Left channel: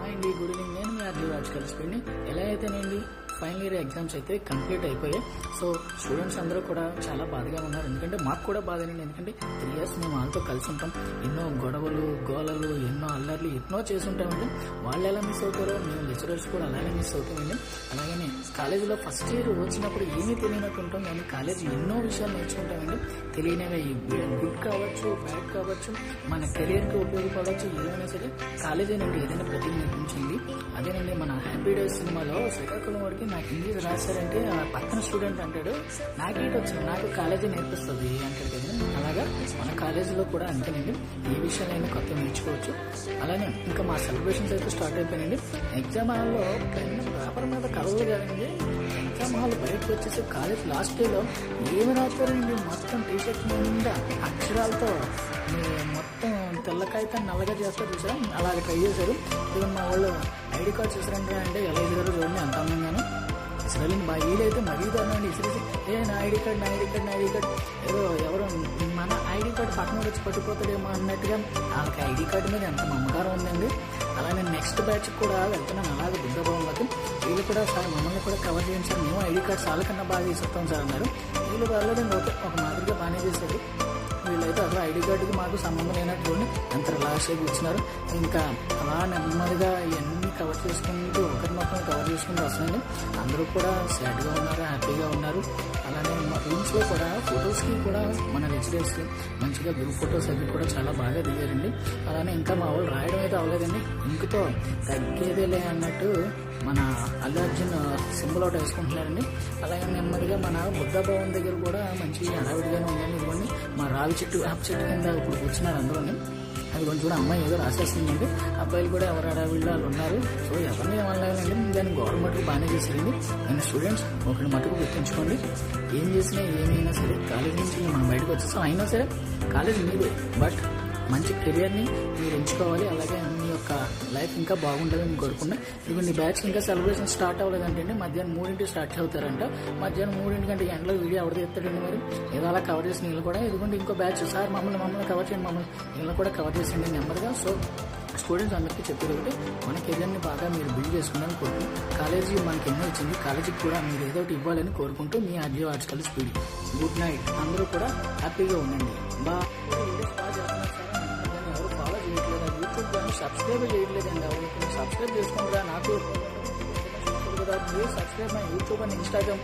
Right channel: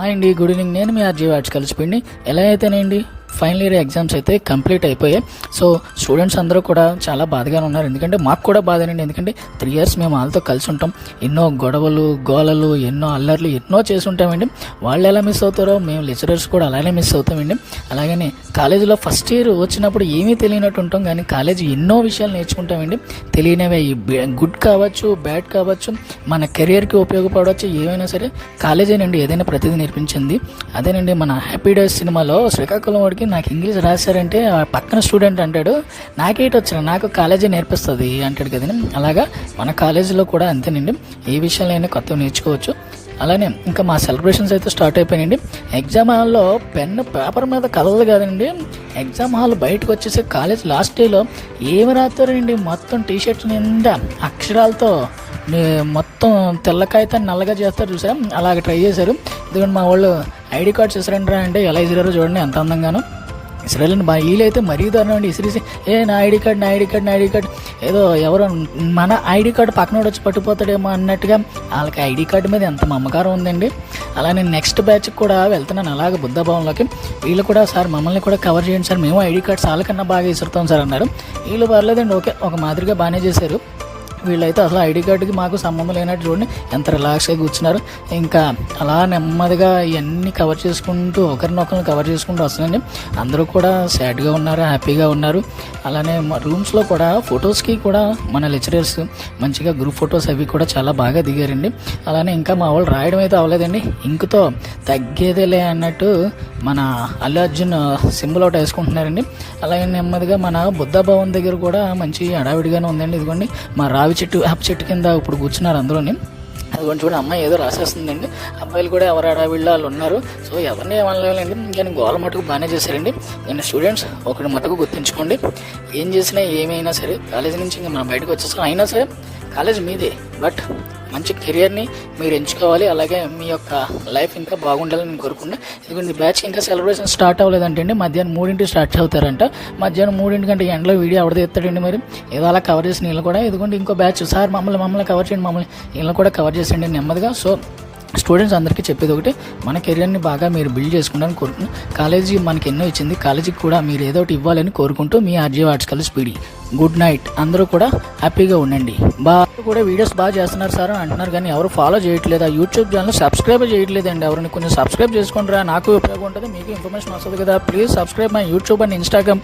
Hi అండి, good evening. నేను మీ RG watts కలిసిపోయింది. ఎలా అయితేనండి ఫైనల్ ఇయర్ ఎగ్జామ్స్ అయితే కంప్లీట్ అయిపోయాయి. సో స్టూడెంట్స్ అందరూ కూడా చాలా బాధగానే ఉన్నారు. ఎందుకంటే మాకు కూడా బాధేనండి. ఎందుకంటే 3 years మేము వాళ్ళతో కలిసి ఉంటాం. ఎన్నో గొడవలు, గోలలు, ఎన్నో అల్లర్లు ఎన్నో చేసి ఉంటామండి. వాళ్ళు ఎలా మిస్ అవుతారో మేము లెక్చరర్స్ కూడా అలానే మిస్ అవుతామండి. అలాగనే కాలేజీలో ఫస్ట్ ఇయర్ వచ్చినప్పుడు ఏమీ తెలియనట్టు ఉంటాం, కానీ కాలేజీ ఎన్నో విషయాలు నేర్చుకుంటామండి. తెలియనివి గుడ్ కావచ్చు, బ్యాడ్ కావచ్చు, మన కెరియర్కి ఉపయోగపడవచ్చు. ఏమైనా సరే కాలేజేనండి ఏదైనా ప్రతిదీ నేర్పించింది. అదేనండి మన హ్యాపీ డేస్ సినిమాలో శ్రీకాకుళం వాడికి నాకు ఇంగ్లీష్ రాశారంటే ఆ పక్కన స్టూడెంట్ అంటాడు, నాకేటి వచ్చిన నాకు కాలేజీ నేర్పిస్తుంది అంటాడు కదండి. అలాగా మన కాలేజీలో కూడా అంతేనండి. ఏ విషయాలైనా కొత్తగా నేర్చుకోవచ్చు. అలానే ఇంకా మా సెలబ్రేషన్స్ అయితే స్టార్ట్ అయిపోయినాయండి. ఎగ్జామ్ హాల్లో పెన్ను పేపర్ మీద కలవదు కాదండి, ఎగ్జామ్ హాల్ బయటకు వచ్చేసి కాలేజ్ లాస్ట్ డేలో ఏమి రాస్తారండి, మొత్తం టీషర్ట్ నిండా అక్షరాలతో మొత్తం తెల్ల కాగితాన్ని నల్లగా చేస్తారు చూసారా, అలాగే ట్రై చేశారు. ఎందుకంటే మా వాళ్ళు ఐడి కార్డ్స్ ఇసరంటారా అంటే ఎలా ఇసిరారో చూడండి ఎంత అందంగానో ఇసరాలండి. మా వీళ్ళైతే మరీ దారుణం అండి. ఇసిరేసి నా ఐడి కార్డ్ ఏదో ఎవరో మన ఐడి కార్డు పక్కన వచ్చి పట్టుకుపోతాడేమో అన్నట్టుగా వాళ్ళకి ఐడి కార్డు మీద ఎంత మమకారం ఉందండి. అలానే నెక్స్ట్ బ్యాచ్కి కూడా వెళ్తున్నాను అలాగే బుద్ధభవన్లోకి. వీళ్ళు కూడా సార్ మమ్మల్ని కూడా కవర్ చేయండి సార్, మేము ఐడి కార్డ్స్ వాళ్ళకన్నా బాగా ఇసురుతాం సార్ అన్నారు. వీళ్ళు పర్లేదండి, ఓకే ఒక మాదిరిగా బాగానే చేశారు. వీళ్ళైతే అసలు ఐడి కార్డుకి మాకు సంబంధం లేనట్టు చూడండి ఎంత రిలాక్స్గా కూర్చున్నారు. ఇంకా అలా నెమ్మదిగా ఇవన్నీ కవర్ చేసుకుంటూ ఒకరినొకరిని కవర్ చేసుకుంటూ వస్తుందండి. అందరూ కూడా సాడ్గా ఉన్నారు, హ్యాపీగా ఉన్నారు. అలానే మా రూమ్స్లో కూడా ఫొటోస్కి కూడా మన లెక్చరర్స్ మంచిగా గ్రూప్ ఫొటోస్ అవి కూడా చాలా బాగా దిగారండి. అలానే ఇంకా మా వాళ్ళు రాయడం అయితే అవ్వలేదండి, ఇంకుతో తగ్గేదేలే అన్నట్టు మన అల్లు అర్జున్ సింబల్ ఒకటి వేసుకుంటున్నారండి. అలాగే నెమ్మదిగా మన బుద్ధ భవన్ దగ్గర కూడా మంచి హడావిడిగానే ఉందండి. ఇదిగోండి మా రావి చెట్టు వేప చెట్టు కింద ఇప్పుడు కూర్చున్నారు అందులోని. అదిగోండి చూడండి, అమ్మాయి ఏదో రాసేస్తుందండి. అబ్బాయిలు కూడా ఎవరు హడావిడిలో వాళ్ళు ఉన్నారు. సో ఎవరిని ఏమనలేదండి, కానీ గోల మటుకు బాగానే చేశారండి. నేను స్టూడెంట్స్ ఒకటి మటుకు గుర్తుంచుకోండి, ఏం చేసినా ఏమైనా సరే కాలేజీ నుంచి ఇంకా మనం బయటకు వచ్చేస్తాం. అయినా సరే కాలేజ్ మీదే, బట్ మంచి కెరియర్ని మీరు ఎంచుకోవాలి. అలాగే మీ యొక్క లైఫ్ ఇంకా బాగుండాలని నేను కోరుకుంటున్నాను. ఎందుకంటే బ్యాచ్కి ఇంకా సెలబ్రేషన్ స్టార్ట్ అవ్వలేదంటే అండి, మధ్యాహ్నం 3 స్టార్ట్ అవుతారంట. మధ్యాహ్నం 3 గంటల ఎండలో వీడియో ఎవరిదో ఎత్తాడండి, మరి ఏదో అలా కవర్ చేసిన వీళ్ళు కూడా. ఎందుకంటే ఇంకో బ్యాచ్ సార్ మమ్మల్ని కవర్ చేయండి, మమ్మల్ని వీళ్ళని కూడా కవర్ చేసేయండి నెమ్మదిగా. సో స్టూడెంట్స్ అందరికీ చెప్పేది ఒకటి, మన కెరియర్ని బాగా మీరు బిల్డ్ చేసుకుంటారని కోరుకుంటున్నాను. కాలేజీ మనకి ఎన్నో ఇచ్చింది, కాలేజీకి కూడా మీరు ఏదో ఒకటి ఇవ్వాలని కోరుకుంటూ మీ ఆర్జీ వాట్స్ కలిసి స్పీడీ గుడ్ నైట్. అందరూ కూడా హ్యాపీగా ఉండండి. కూడా వీడియోస్ బాగా చేస్తున్నారు సార్ అని అంటున్నారు, కానీ ఎవరు ఫాలో చేయట్లేదు. ఆ యూట్యూబ్ ఛానల్ సబ్స్క్రైబ్ చేయట్లేదండి. ఎవరిని కొంచెం సబ్స్క్రైబ్ చేసుకుంటారా, నాకు ఉపయోగం ఉంటుంది, మీకు ఇన్ఫర్మేషన్ వస్తుంది కదా. Please subscribe my YouTube and Instagram.